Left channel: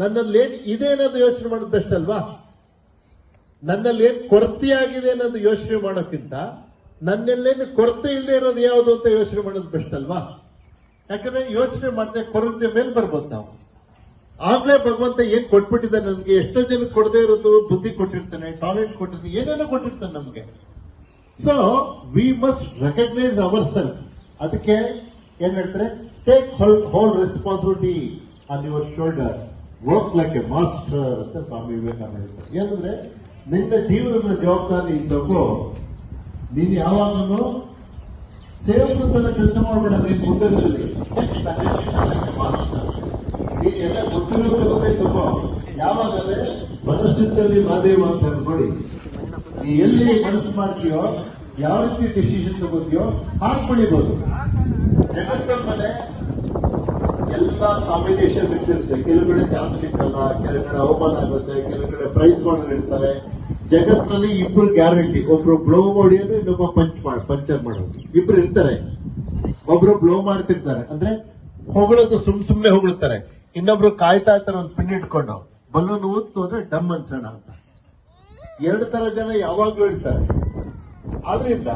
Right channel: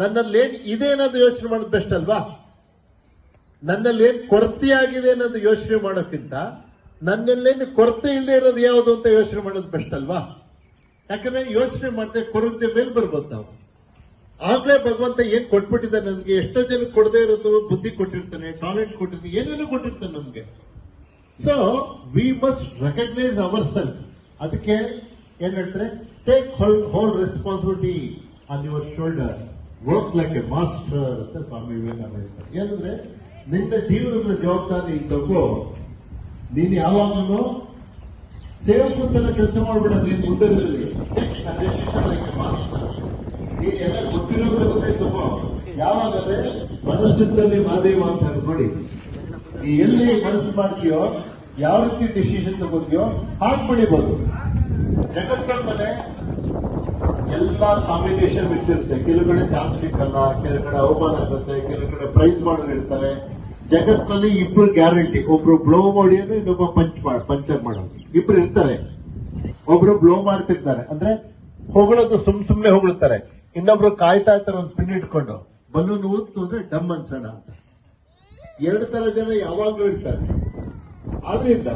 ನನ್ನಲ್ಲಿ ಏನ್ ಇದೆ ಅನ್ನೋದು ಯೋಚನೆ ಮಾಡೋದು ಬೆಸ್ಟ್ ಅಲ್ವಾ? ನನ್ನಲ್ಲಿ ಏನ್ ಕೊರತೆಯಾಗಿದೆ ಅನ್ನೋದು ಯೋಚನೆ ಮಾಡೋಕ್ಕಿಂತ ನನ್ನೆಲ್ಲೇನು ಕೊರತೆ ಇಲ್ಲದೆ ಇರೋದು ಯಾವುದು ಅಂತ ಯೋಚನೆ ಮಾಡೋದು ಬೆಸ್ಟ್ ಅಲ್ವಾ? ಯಾಕಂದ್ರೆ ಯೋಚನೆ ಮಾಡದೆ ಕೊರತೆ ಮೇಲೆ ಬರ್ಬೋದು ನಾವು. ಆಗ್ಲೇ ಭಗವಂತ ಏನ್ ಕೊಟ್ಬಿಟ್ಟಿದ್ದಾನೆ ನಮ್ಗೆ. ಎಷ್ಟೋ ಜನಕ್ಕೆ ಕೊಡದೇ ಇರೋದು ಬುದ್ಧಿ ಕೊಟ್ಟಿರ್ತಾನೆ, ಟ್ಯಾಲೆಂಟ್ ಕೊಟ್ಟಿರ್ತಾನೆ, ಏನೇನೋ ಕೊಟ್ಟಿರ್ತಾನೆ ನಮ್ಗೆ. So we must recognise our self. ಅದಕ್ಕೆ ಏನ್ ಹೇಳ್ತಾರೆ, take whole responsibility on your shoulder, work like a master ಅಂತ ಸ್ವಾಮಿ ವಿವೇಕಾನಂದ. ಏನಂದ್ರೆ ನಿನ್ನ ಜೀವನದ ಜವಾಬ್ದಾರಿ ತಗೋ. ನೀನು ಯಾವಾಗಲೂ ಸೇವಕರ ಕೆಲಸ ಮಾಡಬೇಡ. ನೀನು ಮುಂದಿರಲಿ ಮಾಸ್ಟರ್. ನೀನು ಎಲ್ಲ ಗೊತ್ತಿರೋದೇ ತಗೋ. ಯಾವಾಗಲೇ ಮನಸ್ಸಿನಲ್ಲಿ ಮಾದೇವ ಅಂತ ನೋಡಿ, ನೀ ಎಲ್ಲಿ ಮನಸ್ಸು ಮಾಡ್ತೀಯೋ, ಯಾವ ರೀತಿ ಡಿಸಿಷನ್ ತಗೋತೀಯೋ ಹಾಗೆ ಬೆಳಿಬಹುದು. ಜಗತ್ತಿನ ಮನೆ ಎಲ್ಲ ಕಾಂಬಿನೇಷನ್ ಮಿಕ್ಸ್ ಇರುತ್ತೆ. ಕೆಲವು ಕಡೆ ಚಾನ್ಸ್ ಸಿಕ್ಕಲ್ಲ, ಕೆಲವು ಕಡೆ ಅವಮಾನ ಆಗುತ್ತೆ, ಕೆಲವು ಕಡೆ ಪ್ರೈಸ್ ಮಾಡೋದಿರ್ತಾರೆ. ಜಗತ್ತಿನಲ್ಲಿ ಇಬ್ರು ಗ್ಯಾರಂಟಿ, ಒಬ್ರು ಬ್ಲೋ ಮಾಡೋದು, ಇನ್ನೊಬ್ಬ ಪಂಚರ್ ಮಾಡೋದು. ಇಬ್ರು ಇರ್ತಾರೆ. ಒಬ್ರು ಬ್ಲೋ ಮಾಡ್ತಿರ್ತಾರೆ ಅಂದ್ರೆ ಹೊಗಳೋದು, ಸುಮ್ನೆ ಹೊಗಳ್ತಾರೆ. ಇನ್ನೊಬ್ರು ಕಾಯ್ತಾ ಇರ್ತಾರೆ ಒಂದು ಪಿನ್ ಇಟ್ಕೊಂಡು, ಬಲ್ಲೂನ್ ಊತ್ತು ಅಂದ್ರೆ ಡಮ್ ಅನ್ಸೋಣ ಅಂತ. ಎರಡು ತರ ಜನ ಯಾವಾಗ್ಲೂ ಇರ್ತಾರೆ. ಆದ್ರಿಂದ